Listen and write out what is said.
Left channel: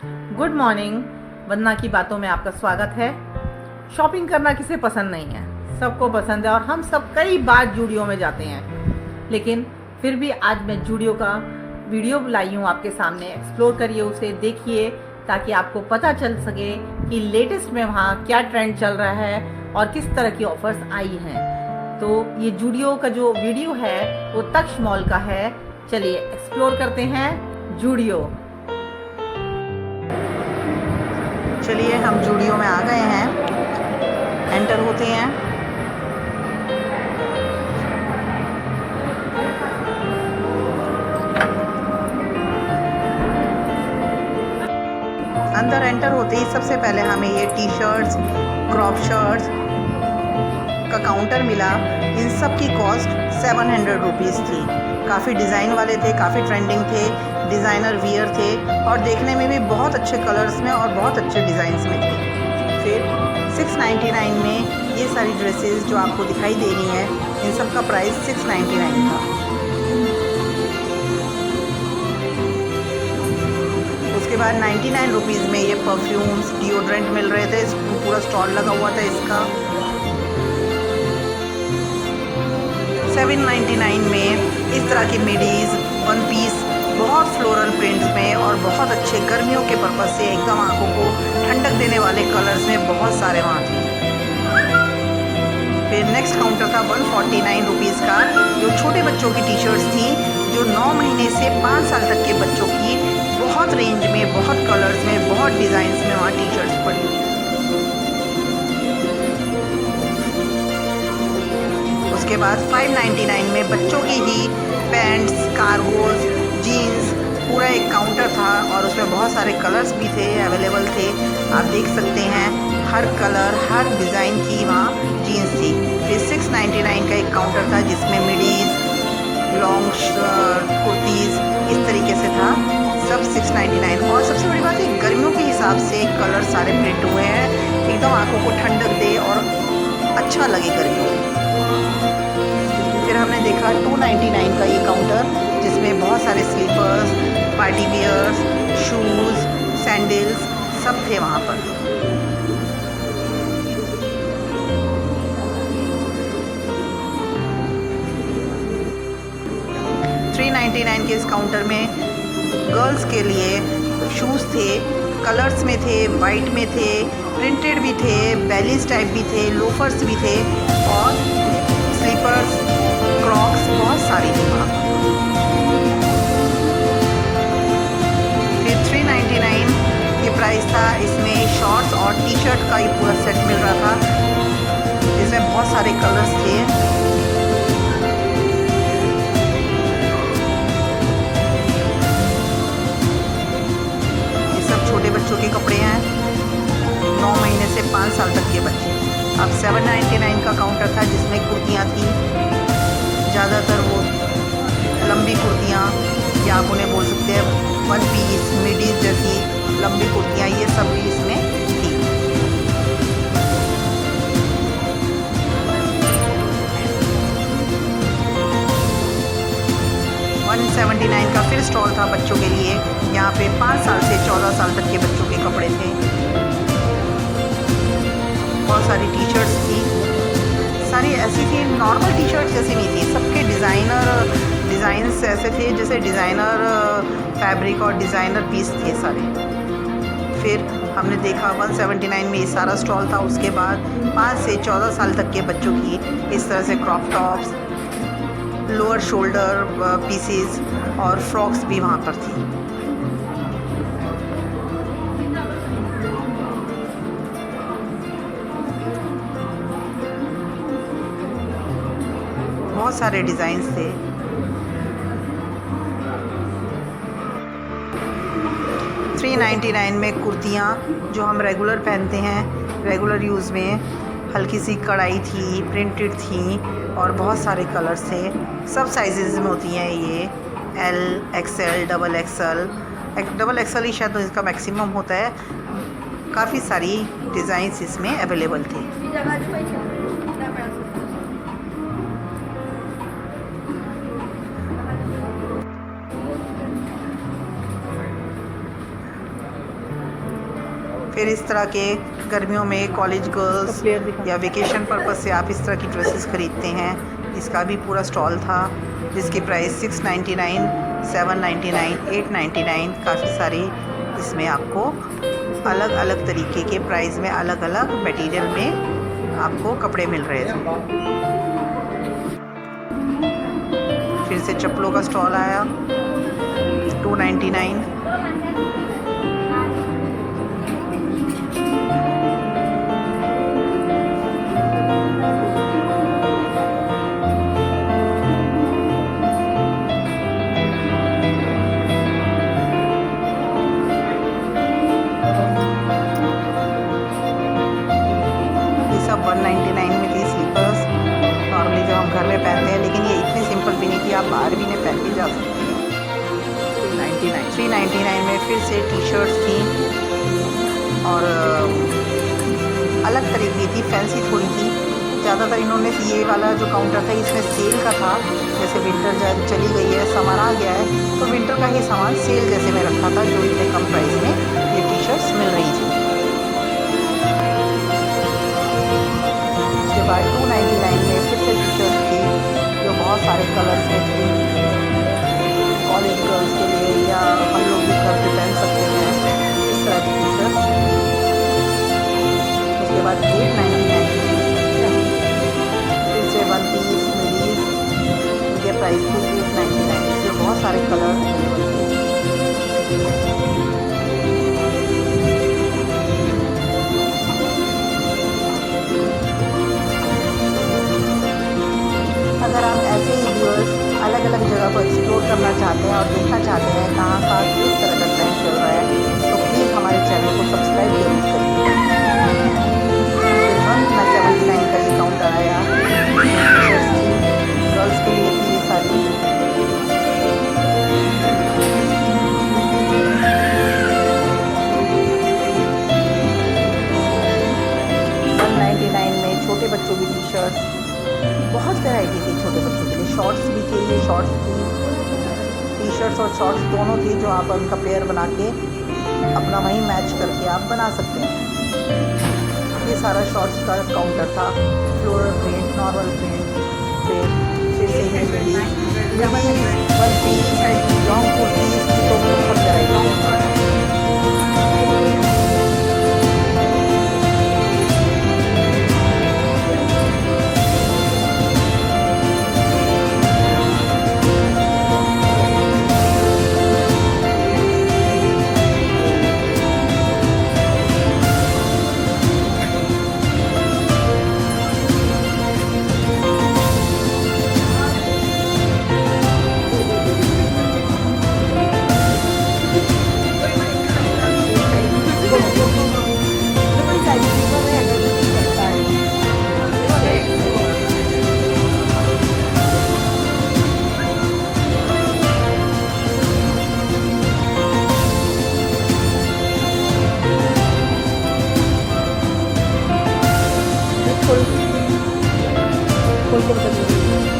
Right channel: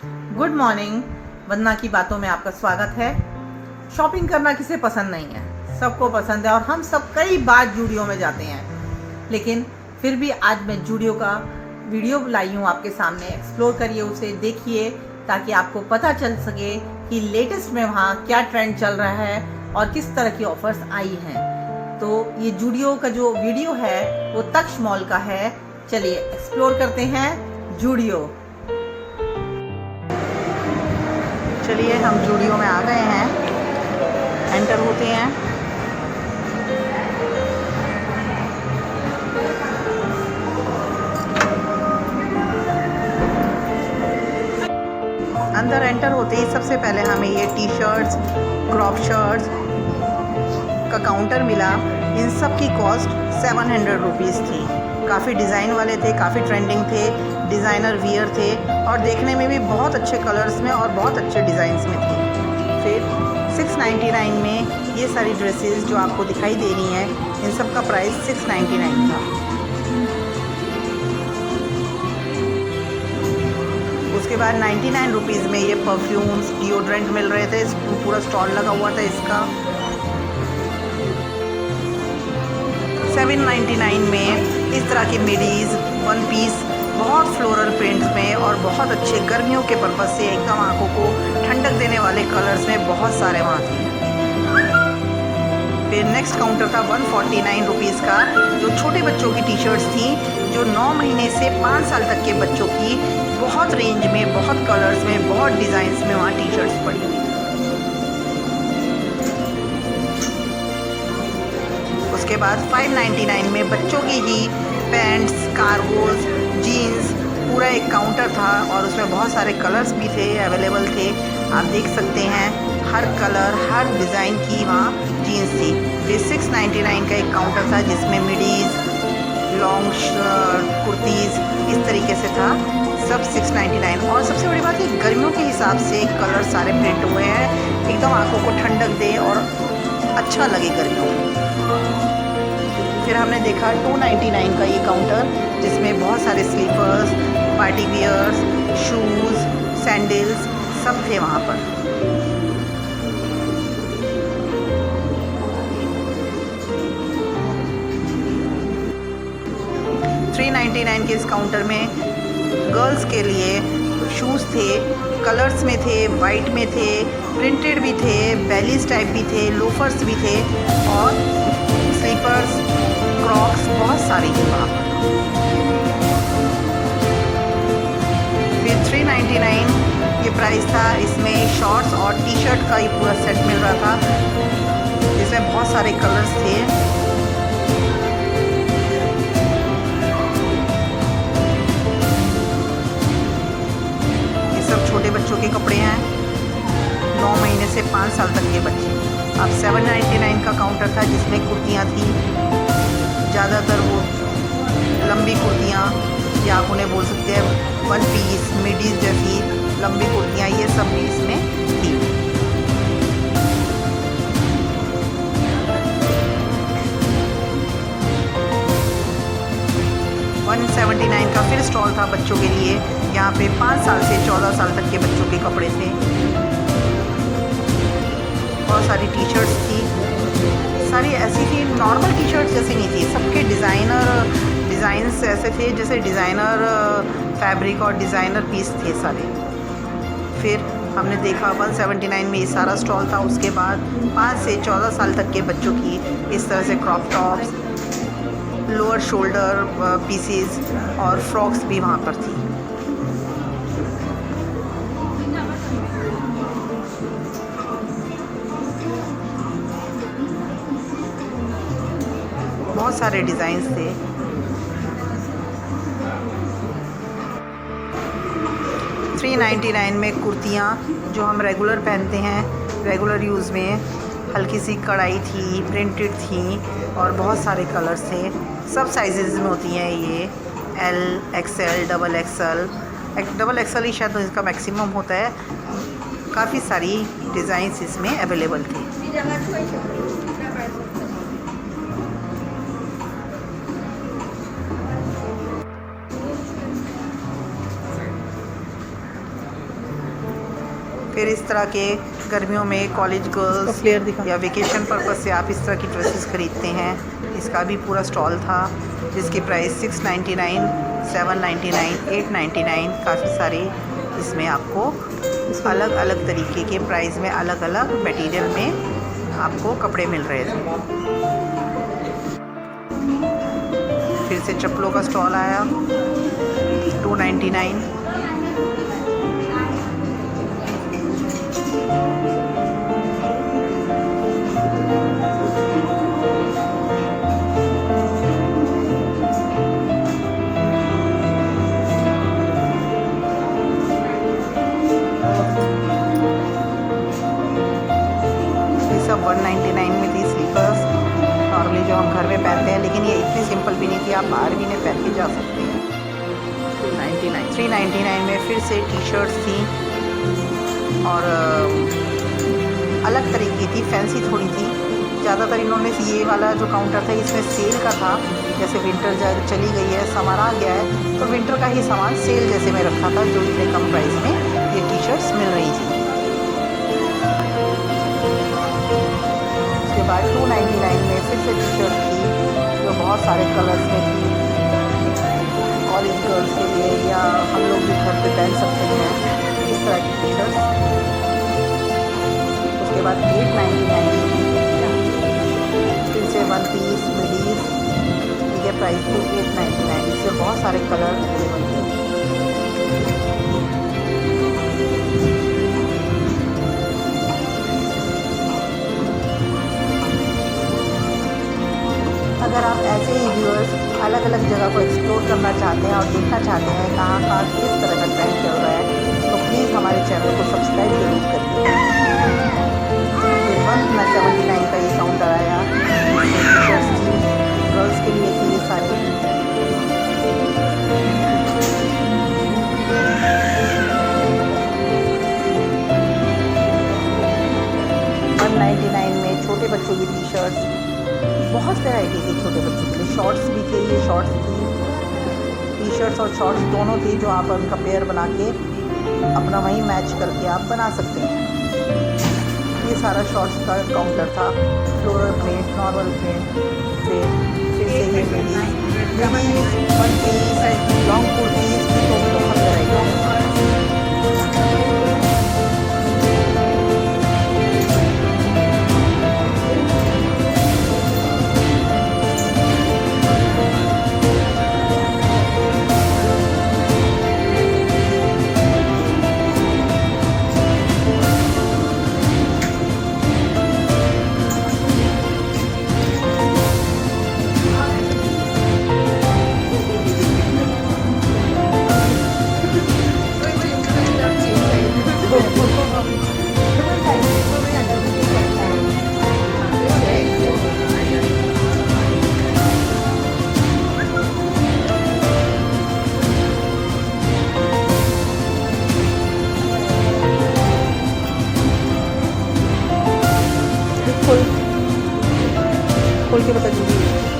Good morning. वंदना की बातों में आपका स्वागत है। शॉपिंग करना किसे पसंद नहीं है, सबको पसंद है और हम सब कई बार जूडियो में जाते हैं। लेकिन फिर भी आज मैं जूडियो का वीडियो लाई हूँ आपके सामने। एक्सप्लोर करिए, उसे देखिए ताकि आपको पता चल सके कि लेटेस्ट में वहाँ क्या ट्रेंड चल रहा है और किस तरह की ऑफर्स आई हैं। तो ये जूडियो का जो वीडियो है वो तक्ष मॉल का है। चलिए एक्सप्लोर करते हैं जूडियो। चलिए हम जूडियो में आ गए हैं, एंटर होते हैं। अंदर एंटर होते ही सबसे पहले हमें ये टी शर्ट्स, क्रॉप शर्ट्स का काउंटर मिला। इन सब की कॉस्ट 700 रुपीज़ थी। काफ़ी डिज़ाइन वाले थे, काफ़ी ट्रेंडिंग थे, डिज़ाइनर वियर थे और देखने में भी बहुत अच्छे कलर्स में और बहुत अच्छे डिज़ाइंस में थे। फिर 699 में ये सारी ड्रेसेस जो आपको दिखाई दे रही हैं, इन सब का प्राइस 699 था। उसके बाद 99 रुपीज़ में ये परफ्यूम्स, डिओड्रेंट मिल रहे थे। पूरा स्टॉल लगा हुआ था इसका। 799 में इस तरह की मिडीज़, वन पीस, बहुत फ्लोरल प्रिंट्स में और बहुत अच्छे गर्मियों के पर्पज़ से एकदम आंखों को ठंडक देने वाले कलर्स में बहुत सारे वहाँ थे। फिर नेक्स्ट काउंटर था 149 रुपीज़ का, जो छोटे बच्चों की टी शर्ट्स थी, जो 9 महीने से 5 साल तक के बच्चों की बहुत रेंज में, बहुत कलर्स में, बहुत डिज़ाइंस में वहाँ टी शर्ट्स पड़ी हुई थी। उसके बाद 599 में बच्चों की ही पैंट्स, कार्गोज, जीन्स, पूरा एक काउंटर था और उसमें बहुत सारे कलर्स भी थे, अवेलेबल थे। आप देख सकते हैं हर कलर, हर डिज़ाइन की वहाँ जीन्स थी। फिर 699 का एक काउंटर था जिसमें मिडीज़, लॉन्ग कुर्तीज़ इस तरीके से था, सब 699। और सबसे बड़ी बात, ये गर्मियों के हिसाब से कलर सारे प्रिंट हुए हैं, एकदम आंखों को ठंडक दे और अच्छा लगे गर्मियों में। फिर हमने देखा 299 का ये काउंटर जिसमें बहुत सारे slippers, party wears, shoes, sandals सब थे वहाँ पर। $399 के इस काउंटर में गर्ल्स के लिए शूज़ थे, कलर्स में थे, वाइट में थे, प्रिंटेड भी थे, बेलीज टाइप भी थे, लोफर्स भी थे और स्लीपर्स, क्रॉक्स बहुत सारी थी वहाँ पर। फिर 399 ये प्राइस था। इसमें शॉर्ट्स और टी शर्ट का ही पूरा सेट मिल रहा था जिसमें बहुत सारे कलर्स थे। ये सब छोटे बच्चों के कपड़े हैं, 9 महीने से 5 साल तक के बच्चे। अब 799 का काउंटर था जिसमें कुर्तियाँ थी, ज़्यादातर वो लंबी कुर्तियाँ या आप उन्हें बोल सकते हैं वन पीस, मिडीज़ जैसी लंबी कुर्तियाँ, ये सब भी इसमें थी। $179 का फिर स्टॉल था बच्चों के लिए। यहाँ पे 5 साल से 14 साल तक के बच्चों के कपड़े थे। बहुत सारी टी शर्ट्स थी, सारी ऐसी थी, नॉर्मल टी शर्ट्स जैसी नहीं थी, सबके डिज़ाइंस ऐसे थे जैसे डिज़ाइनर फैब्रिक और डिज़ाइनर पीस थे सारे। फिर हमने देखा 179 में ये सारा स्टॉल था। उसके बाद 5 से 14 साल तक के बच्चों की इस तरह से crop tops, lower shoulder pieces और फ्रॉक्स भी वहाँ पर थी। बहुत सारे डिज़ाइंस थे। $399 में कुर्तियाँ जो हम रेगुलर पहनते हैं, रेगुलर यूज़ में, हल्की सी कढ़ाई थी, प्रिंटेड थी और बहुत सारे कलर्स थे। सब साइजेस में होती हैं ये, L, XL, डबल एक्सल ही शायद तो इसका मैक्सिमम होता है। काफ़ी सारी डिज़ाइंस इसमें अवेलेबल थे। फिर इस तरह के गर्मियों में कॉलेज गर्ल्स या वेकेशन पर्पस से आप इस तरह की ड्रेसेस ख़रीदते हैं, इसका भी पूरा स्टॉल था जिसकी प्राइस 699, 799, 899 काफ़ी सारे इसमें आपको अलग अलग तरीके के प्राइस में अलग अलग मटेरियल में आपको कपड़े मिल रहे थे। फिर से चप्पलों का स्टॉल आया 299। ये सब 199 में थी स्लीपर्स, नॉर्मली जो हम घर में पहनते हैं, लेकिन ये इतनी सिंपल भी नहीं थी, आप बाहर भी नहीं पहन के जा सकते हैं। 399 में फिर से टी शर्ट्स थी और अलग तरीके की थी, फैंसी थोड़ी थी। ज़्यादातर इन्होंने ये वाला जो काउंटर था इसमें सेल का था, जैसे विंटर चली गई है, समर आ गया है, तो विंटर का ही सामान सेल जैसे में रखा था, जो इतने कम प्राइस में ये टी शर्ट्स मिल रही थी। उसके बाद 299 में फिर से टी शर्ट थी जो बहुत सारे कलर्स में थी, कॉलेज गर्ल्स के लिए या हम लोग भी घर पे पहन सकते हैं इस तरह की टी शर्ट्स। उसके बाद 899 में फिर से वन पीस मिडीज़, इनके प्राइस थे 899, इसमें बहुत सारे कलर अवेलेबल थे। अगर आप ऐसे ही व्यूअर्स अलग अलग जगह को एक्सप्लोर करना चाहते हैं और देखना चाहते हैं कहाँ कहाँ किस तरह का ट्रेंड चल रहा है, तो प्लीज़ हमारे चैनल को सब्सक्राइब जरूर करिए। फिर 179 का ये काउंटर आया, इसमें टी शर्ट्स थी, गर्ल्स के लिए थी ये सारी। $199 में छोटे बच्चों की टी शर्ट्स, बहुत वैरायटी थी छोटे बच्चों के लिए। शॉर्ट्स भी थे, ये शॉर्ट्स थी, टी शर्ट्स और शॉर्ट्स दोनों थी जो आप उनका पेयर बना के अपना वहीं मैच करके आप बना सकते हैं। ये सारा शॉर्ट्स का काउंटर था, फ्लोरल प्रिंट, नॉर्मल प्रिंट, फिर से ये midis, one piece, long kurtis की तो बहुत वैरायटी है हमारे पास। खोल के बता दीजिए।